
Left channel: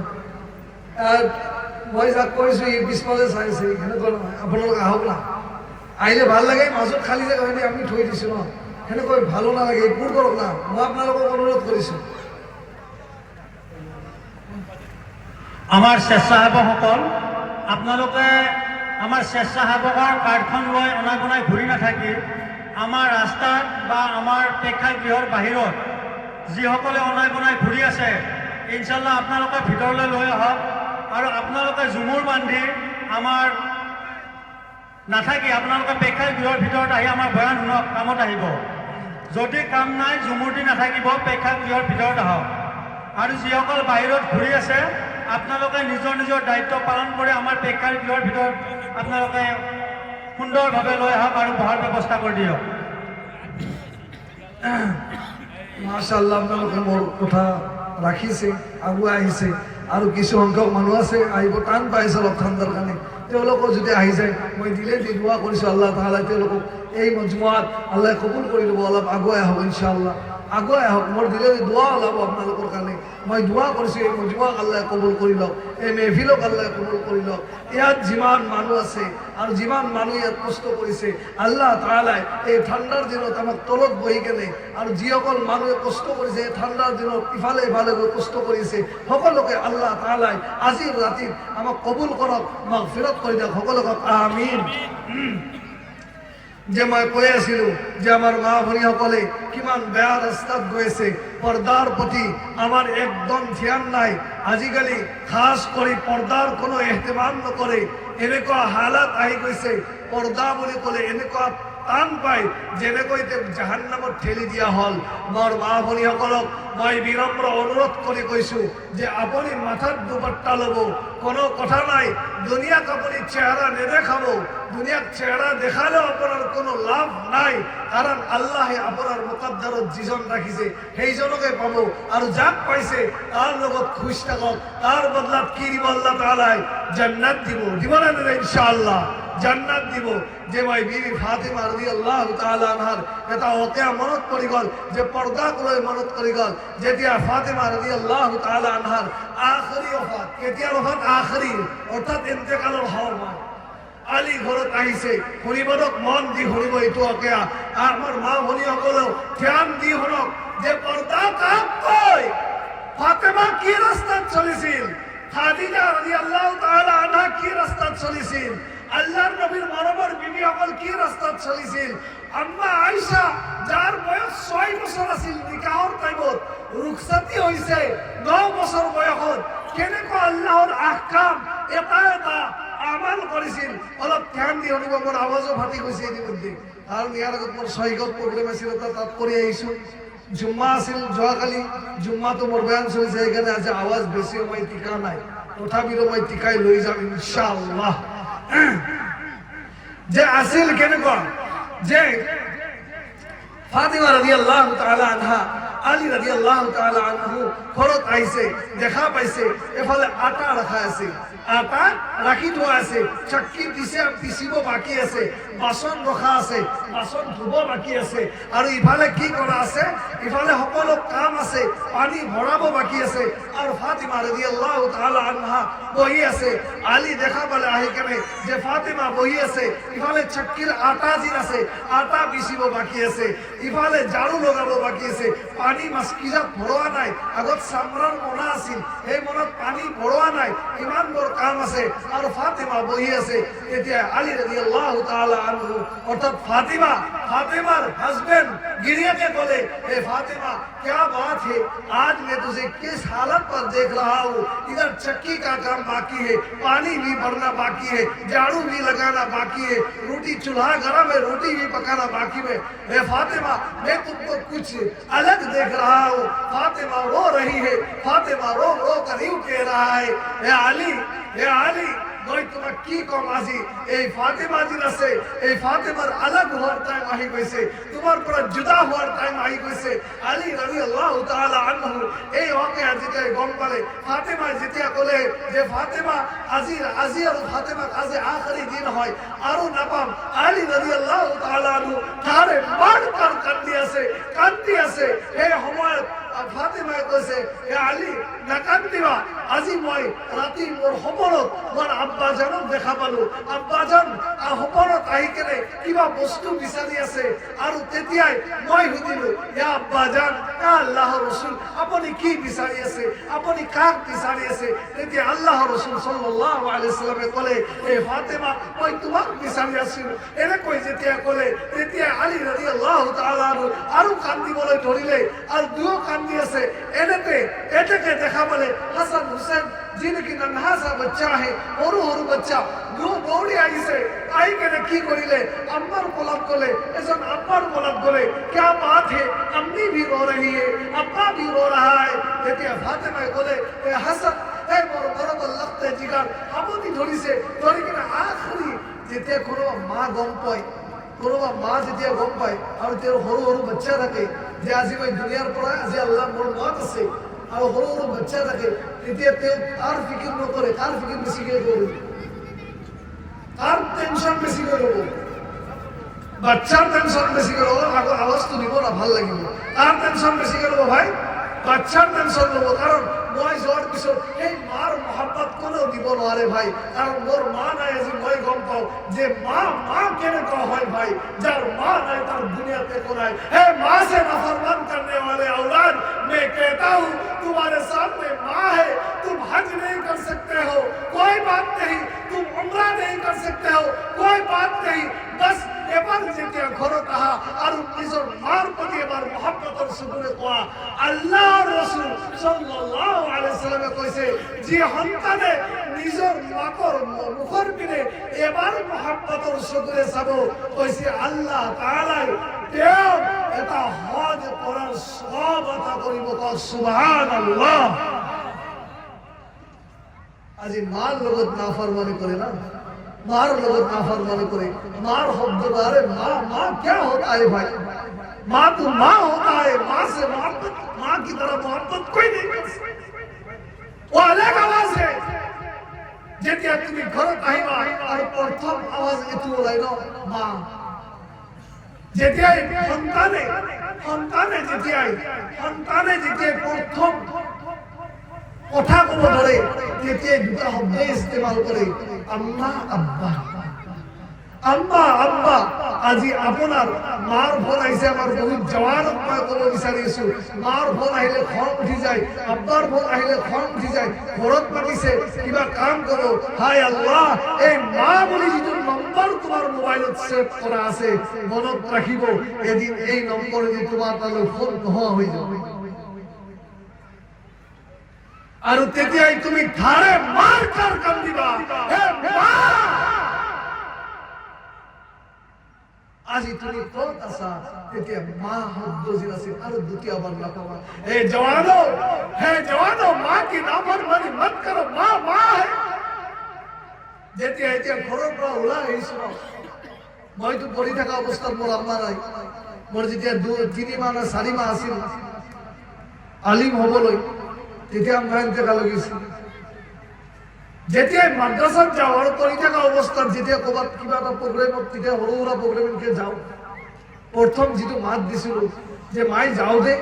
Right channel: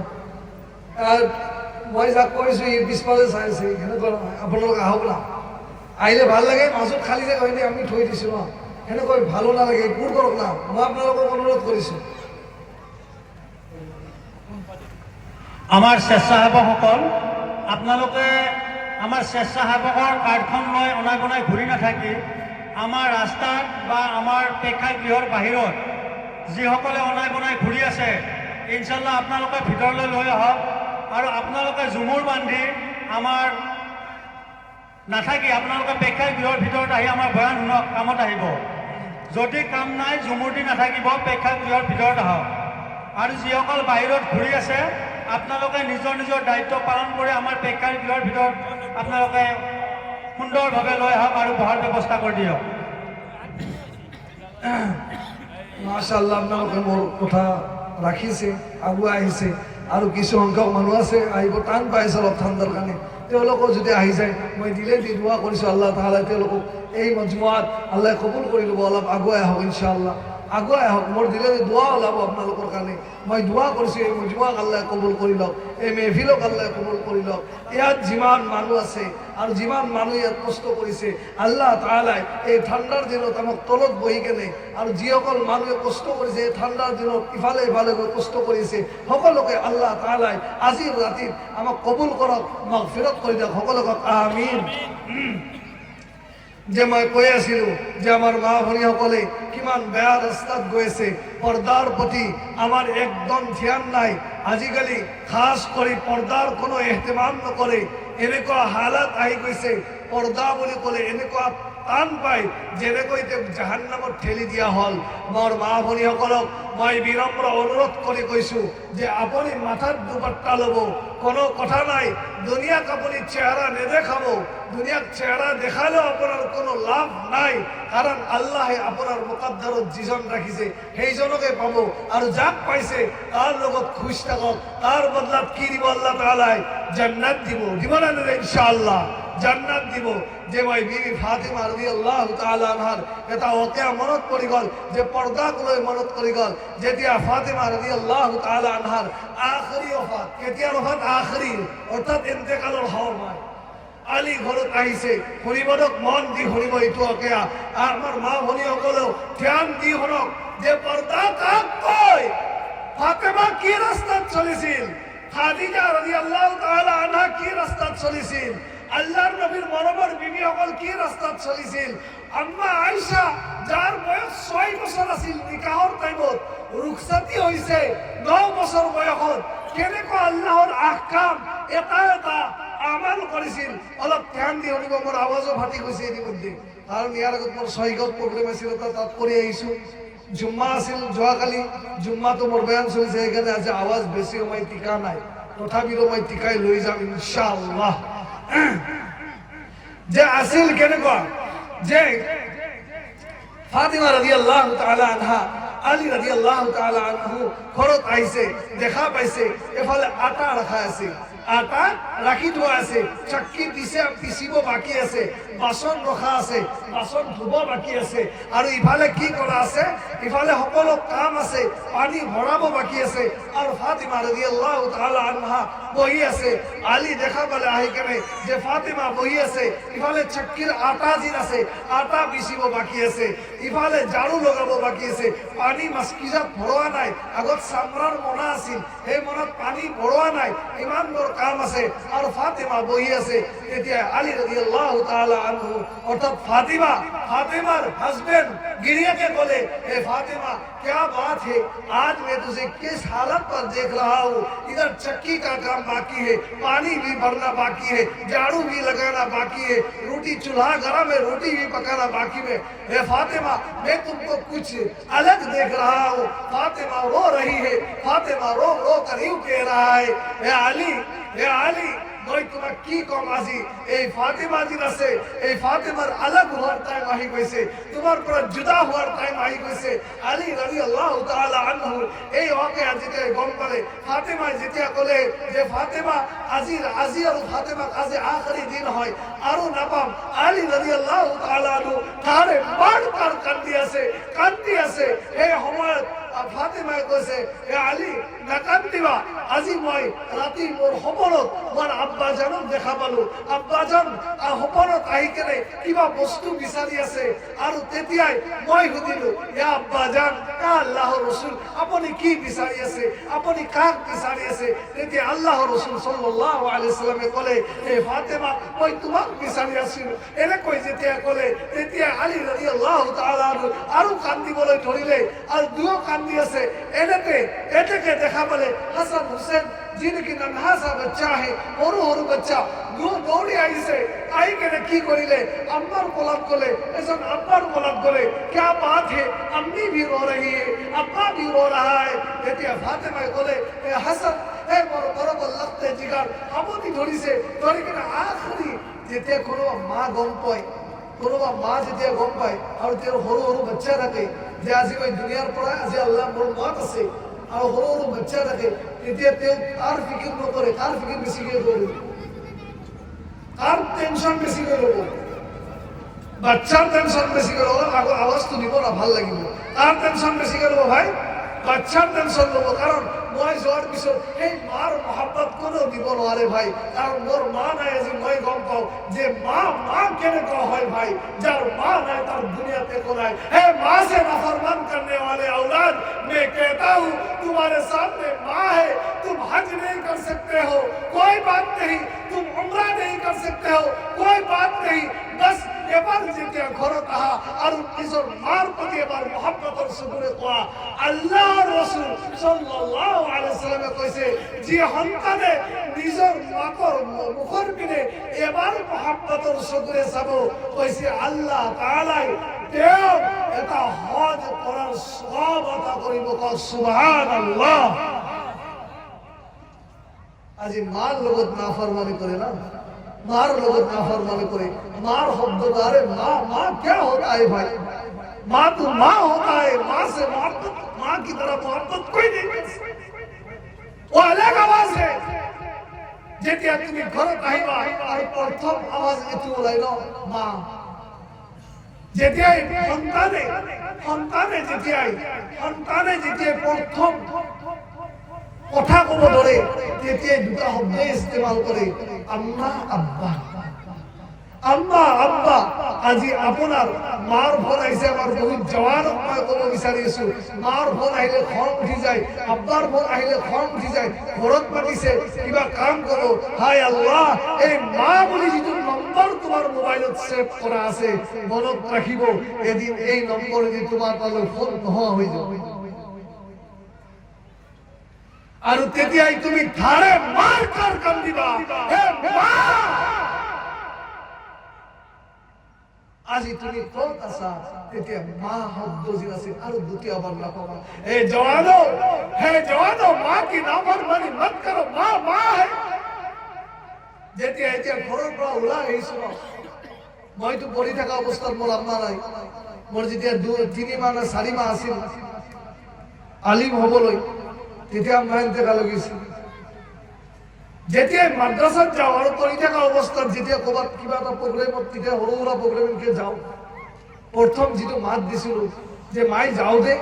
মই যাক কৰিছোঁ ই পিছফালে চাইছে, সেনেকুৱা নহয়। আপোনালোকে আহক না, আহিলে ভাল লাগে। মাজত খালী জেগা হয়নে আমি থৈ দিছোঁ ন, সেনেকৈ ভালো নালাগে। একো কৰক না, মই আপোনালোকক অনুৰোধ কৰিছোঁ। আমাৰ স্বেচ্ছাসেৱকসকল, আপোনালোকে আমাৰ স্বেচ্ছাসেৱকৰ কাৰ্ডখন লৈ অনাই বনাই ঘূৰি নাথাকি আমাৰ ৰাস্তাত বা আমাৰ প্ৰেক্ষাগৃহৰ বাহিৰত যিসকলে অনাই বনাই ঘূৰি আছে, ইনশাল্লাহ আপোনালোকে ভিতৰলৈ লৈ আহক। আৰু আপোনালোকে ঝুমুৰ বান্ধি আমাৰ নাথাকি আপোনালোকে প্ৰেক্ষাগৃহৰ ভিতৰত আহি আমাৰ বয়ান শুনক, কামত আহিব। যদি কাম নাই ঝুমুৰ দি নাথাকিব, প্ৰেক্ষাগৃহৰ ভিতৰত আহক। আৰু যিসকল বাহিৰত ঘূৰি আছে আপোনালোকে নিজৰ নিজৰ দায়িত্ব পালন কৰি আমাৰ প্ৰেক্ষাগৃহৰ ভিতৰত আপোনালোকে সুন্দৰভাৱে লৈ আহক আৰু বহাৰ ব্যৱস্থা কৰি দিয়ক। মাশাআল্লাহ, আপোনালোকে মোৰ কথা ৰাখিছে, আগুৱাই আহিছে, আৰু কিছু সংখ্যক মানুহ আছে আহিব টান পাইছে অলপ ঠাণ্ডাৰ কাৰণে, তেওঁলোকৰ যদি আহি যায় মই দিলে দোৱা কৰিছোঁ আল্লাহ তাআলাই তেওঁলোকক এই মজমুআত আল্লাহ কবুল কৰি ল'ব। অলপ আগুৱাই আহক, ইনশাআল্লাহ আগুৱাই আহক, মোৰ দিলে দোৱা ওলাব আপোনালোকৰ কাৰণে। মই দোৱা কৰিছোঁ এই মজমুআক আল্লাহ কবুল কৰি লওক, এই মেহফিলক আল্লাহ কবুল কৰি লওক। ইয়াত যিমান মানুহ আছে আৰু যিমান মানুহ ইয়াত কষ্ট কৰিছে আল্লাহ তাআলাই এই ঠাণ্ডাৰ দিনত আমাক তলত বহি কেনে, আৰু যিসকল মানুহে কষ্ট কৰিছে এই ঠাণ্ডাৰ দিনত ইফালে ইফালে গৈ কষ্ট কৰিছে সকলোকে আল্লাহ তাআলাই আজিৰ ৰাতিত আমাক কবুল কৰক, মাগফিৰাত কৰি দিয়ক সকলোকে আমিন। যে মই কৈ আছিলো যে আমাৰ মা ভনীসকলে কিমান বেয়া ৰাস্তাত গৈ আছে, পৰ্দাৰ প্ৰতি আমাৰ একদম ধ্যান নাই। আজিকালি খাস কৰি পৰ্দাৰ কোনো এহতেমাম নকৰে, এনেকুৱা হালাত আহি গৈছে পৰ্দা বুলি ক'লে এনেকুৱা টান পায় যেনেকৈ জাহান্নামত ঠেলি দিয়া হ'ল। মোৰ মা ভনীসকলক মই বিনম্ৰ অনুৰোধ কৰি কৈছো যে আপুনি মাথাত দুপাট্টা ল'ব, কোনো কথা নাই, দুনিয়াক আপুনি চেহারা নেদেখাব, দুনিয়াক চেহারা দেখালেও আপনার কোনো লাভ নাই, কারণ আল্লাহে আপনার মুকদ্দারত যিজন রাখিছে সেইজনকে পাব, আর যাক পাইছে তার লগত খুশ থাকক, তার বদলাত কি দিব আল্লাহ তাআলাই জান্নাত দিব, দিব না ইনশাআল্লাহ জান্নাত দিব। যে ভাই বিবি ফাতিমা রাদিয়াল্লাহু তাআলা আনহার এটা ওকে মনত পড়ি গল, যে পর্দাক লৈ মনত পড়ি গল, যেতিয়া ফাতিমা রাদিয়াল্লাহু তাআলা আনহার আখরি ওফাত, কেতিয়া ওফাত আখরি অর্থাৎ ইন্তেকালৰ সময় আলী ঘৰত আহিছে, শুনিবক মন দি শুনিব এইটো ওকে। আমাৰ মা ভনীসকলেও ধ্যান দি শুনক যে পৰ্দা কাক কয়, ফাতিমা কি ৰাস্তাত চলিছিল, খাদিজা রাদিয়াল্লাহু তাআলা আনহা কি রাস্তাত চলিছিল, আল্লাহর নবীর মরমর বিবি সকল কি রাস্তাত চলিছিল, আম্মা আয়েশা যার বয়স 6 বছর আছিল নিকাহর টাইমত রুখসাতি হইছে 9 বছর বয়সত, কেনেকৈ আল্লাহর আহকাম এটা এটা আমাল কৰিছিল। অলপ ধ্যান দি শুনিব, মোৰ আৱাজো ফাটি গৈছে ইতিমধ্যে, কাৰণ ইয়াৰ আগত মোৰ ছয়গত প্ৰগ্ৰেম আছিল, তাত কৰি আহিছো। জুম্মা আছিল যোৱাকালি, জুম্মাটো মোৰ বয়ান চলিছে, সেইকাৰণে আজি আৱাজ বেছি মই টিকা নাই, তথাপিতো মই টিকাই লৈ যাম ইনশাআল্লাহ। যে আছিল কেনেকুৱা, যে ফাতিমা ৰাদিয়াল্লাহু তাআলা আনহা আলী ৰাদিয়াল্লাহু তাআলা আনহু ঘৰত আহিছে, দেখা পাইছে এফালে আটা ৰাখা আছে, আটা ৰাখি থোৱা আছে, চাক্কি পিচিব বাকী আছে, বাচন ৰখা আছে, বাচন ধুব বাকী আছে, আৰু ইফালে কি কৰা আছে, ইফালে সকলো কাম আছে, পানী ভৰাব বাকী আছে, আৰু ফাতিমা রাদিয়াল্লাহু তাআলা আনহা বহি আছে। আলী দেখা পালে আহি কেনে যে ফাতিমা বহি আছে, ইফালে চাক্কিৰ আটা দিন আছে, আটা পিচিব বাকী আছে, ইফালে ঝাড়ু লগাব বাকী আছে, পানী মাস্কিজাত ভৰোৱা নাই, আগত চামৰাৰ মোনা আছিল সেই মোনাত পানী ভৰোৱা নাই, ইমান বৰ কাম আছে, আৰু ফাতিমা বহি আছে। তেতিয়া আলী রাদিয়াল্লাহু তাআলা আনহু অর্থাৎ फातिमार हस्बैंड गिरिया के बोले, ए फातिमा क्या बात है, आज मैं तुझे किस हालत पर देख रहा हूँ, इधर चक्की का काम बाकी है, पानी भी भरना बाकी है, झाड़ू भी लगाना बाकी है, रोटी चूल्हा गरम है, रोटी भी पकाना बाकी है। ए फातिमा मैं तुमको कुछ अलग देख रहा हूँ। फातिमा रो रही है, फातिमा रो रो कर यूं कह रहा है, ए आली মই তোমাক কি কম, আজি এই ফাতিমা দিন আছে, এই ফাতিমাৰ আলাগ হোৱাৰ টাইম আহি গৈছে, তোমাৰ পৰা জুদা হোৱাৰ টাইম আহি গৈছে। আলী ৰাদিয়াল্লাহু তাআলা আনহু এই ওকে যেতিয়া গম পালে, ফাতিমা যেতিয়া ক'লে যে ফাতিমা আজি আৰু ফাতিমাক আজি আখৰি দিন হয় আৰু নাপাম, আলী ৰাদিয়াল্লাহু তাআলা আনহু তাৰে মাৰ কান্দি আছে। এই সময়ত ফাতিমাই কৈছে, এ আলী নাকান্দিবা, আজি মই ৰাতি মোৰ সপোনত মোৰ আব্বাজানক দেখা পালো, আব্বাজান সপোনত আহি কেনে কিবা বস্তু বিচাৰি আছে, আৰু তেতিয়াই মই সুধিলো, ইয়া আব্বাজান, আল্লাহৰ ৰাসূল আপুনি কি বিচাৰি আছে, আপুনি কাক বিচাৰি আছে? তেতিয়া আল্লাহৰ ৰাসূল সাল্লাল্লাহু আলাইহি ওয়াসাল্লামে ক'লে, এ ফাতিমা মই তোমাক বিচাৰি আছিলো। এনেকৈ যেতিয়া ক'লে তেতিয়া আলী ৰাদিয়াল্লাহু তাআলা আৰু কান্দিবলৈ ধৰিলে, আৰু দুয়ো কান্দি আছে। এতেকে দেখা পালে হাসান হুসেন যিনকি নানহাসা বাচ্চা আহে, সৰু বাচ্চা দৌৰি আহিছে, আহি কেনে কি কৰিলে, আম্মাৰ কোলাত গ'লে, এজন আব্বাৰ কোলাত গ'লে, क्या बात है, अम्मी भी रो रही है, अब्बा भी रो रहा है। তেতিয়া ফাতিমাই ক'লে, হাসান এই মোৰ মৰমৰ লগতে জিগাৰ আপত্তি ধৰিছে, ধৰি কেনে আখৰি যেতিয়া কোনোবা মা গম পায়, কোনোবা মা যেতিয়া গম পায় আৰু তেওঁৰ সৰু সৰু বাচ্চা থাকে যে আজি মই দুনিয়াৰ পৰা আজি আল্লাহ মোৰ মত আছে আৰু সৰু সৰু বাচ্চা থাকে, তেতিয়া তেওঁ তাৰ ফিকিৰ নকৰে, তাৰ ফিকিৰ বেছিকৈ কৰিব, তাৰ টেনশ্যন বেছিকৈ ল'ব, বাচ্চাৰ টেনশ্যন বেছিকৈ ল'ব। আগৰ আৱাজটো দিব না, ভাল লাগিব। তাৰ টেনশ্যন বেছিকৈ ল'ব ভাই, বাচ্চাৰ টেনশ্যন ল'ব। কাৰণ মই যোৱাৰ পিছত সেই মাৰ মহাব্বত কোনেও দিব নোৱাৰে ভাই, কাৰণ মোৰ মা নাই। আজি মই গম পাওঁ যে মা কেনেকুৱা হয় ভাই, যাৰ মা নাই তাৰ দুনিয়াতে একো নাই। হে माँ से नाफरमान करने वाले औलाद, मैं कहता हूँ तुम्हारे सामने माँ है, तुम हज नहीं कर सकते हो, कोई बात नहीं, तुम उम्रा नहीं कर सकते हो, कोई बात नहीं, बस এবার যেটা ঘর তাহা আর নিজের মার প্রতি এবার মহব্বতের সুযোগে কোয়া। আল্লাহ রাসূল সাল্লাল্লাহু আলাইহি সাল্লামে কইছে যে সন্তানে নিজের মাকৰ মুখৰ পিনে এবাৰ মহব্বতেৰ সুযোগে চাব, কইছে আল্লাহ তাআলাই তেওঁ এটা হজ কৰাৰ সওয়াব আতা কৰিব। সুবহানাল্লাহ। আজি মার লগত নাফরমানি করে না, मार लोग नाफरमानी करे, मार हब्बदारे माँ क्या होता है भाई, माँ तो माँ होता है, माँ से मोहब्बत, माँ की तरह मोहब्बत कोई नहीं कर सकता। वो अलग आवाज है। যেতিয়া তুমি ঘৰত আহিবা আৰু প্ৰথম আৱাজ এইটো ওলাইব মা। যেতিয়াই সন্তানে যেতিয়াই প্ৰথম কথা ক'ব ধৰে, তেতিয়াই দুটা শব্দই ইস্তেমাল কৰে, আম্মা আব্বা, আম্মা আব্বা। আজি আপোনাৰ মাৰ ফোন আহিছে, আমাৰ বহুত জোৱানক মই ক'ব বিচাৰিছো, মাৰ ফোন আহিলে খং উঠি যায়, আব্বাৰ ফোন আহিলে খং উঠি যায়, ঘৰত মাতিছে কিবা কাম কৰোঁ, হাই আল্লাহ, এই মা বুলি যিটো নম্বৰ তোমাৰ মোবাইলত ছেভ কৰা আছে, মনত ৰাখিব এদিন এই নম্বৰেদি তোমাৰ তালৈ ফোন নোহোৱা হৈ যাব। আৰু তেতিয়াই তুমি ধাৰে মাৰ কাৰ কান্দিবা, হে মা। আজি তুমি ক'ত আছা, তেতিয়া মা শব্দ যি আছে আৰু দ্বিতীয়বাৰ নকবা। হে জৱানো, মা কি নাফৰমানি মত কৰো, মা হে। যেতিয়া ঘৰৰ পৰা ওলাই আহিছো, মইতো পঢ়ি থকা অৱস্থাত মোৰ আম্মা নাই, মোৰ যেতিয়া 3 মাহ 4 মাহ আছিল আলিম হ'বলৈ, তেতিয়া আম্মাই ইন্তেকাল গৈছিল। যেতিয়াই মাদ্ৰাসাত যাওঁ আৰু পঢ়ি থকা অৱস্থাত যেতিয়া ক'ৰবাত কিবা এটা প্ৰগ্ৰেমত, তেতিয়া সৰু সুৰা প্ৰগ্ৰেমত যাওঁ, প্ৰথম যিটো মাত দিছিলোঁ যে মাই যাওঁ দে,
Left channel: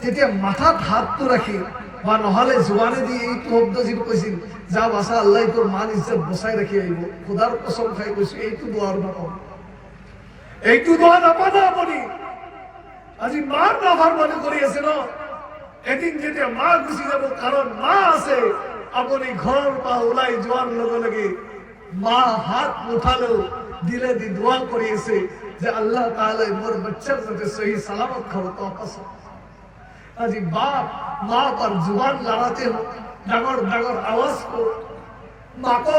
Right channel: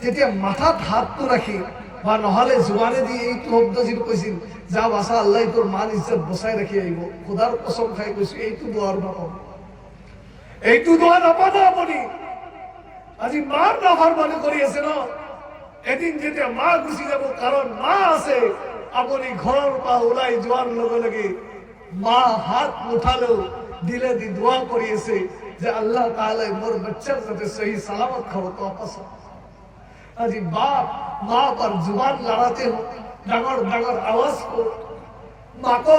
তেতিয়া মাথাত হাতটো ৰাখি বা নহ'লে জোৱানেদি এইটো শব্দ যিটো কৈছিল, যা বাছা আল্লাহ তোৰ মান ইজ্জত বচাই ৰাখি আহিব। খোদাৰ কসম খাই কৈছো, এইটো দোৱাৰ নাপাব, এইটো দোৱা নাপাব আপুনি। আজি মাৰ নাফৰমানি কৰি আছে ন, এদিন যেতিয়া মা গুচি যাব, কাৰণ মা আছে। আপুনি ঘৰৰ পৰা ওলাই যোৱাৰ লগে লগে মা হাত নুঠালেও দিলে দি দোৱা কৰি আছে যে আল্লাহ তাআলাই মোৰ বাচ্চাৰ যাতে সহি সালামত ঘৰত वापस হয়। আজি বাপ মা पर जुबान लड़ाते हो, ডাঙৰ ডাঙৰ আওয়াজ को माँ को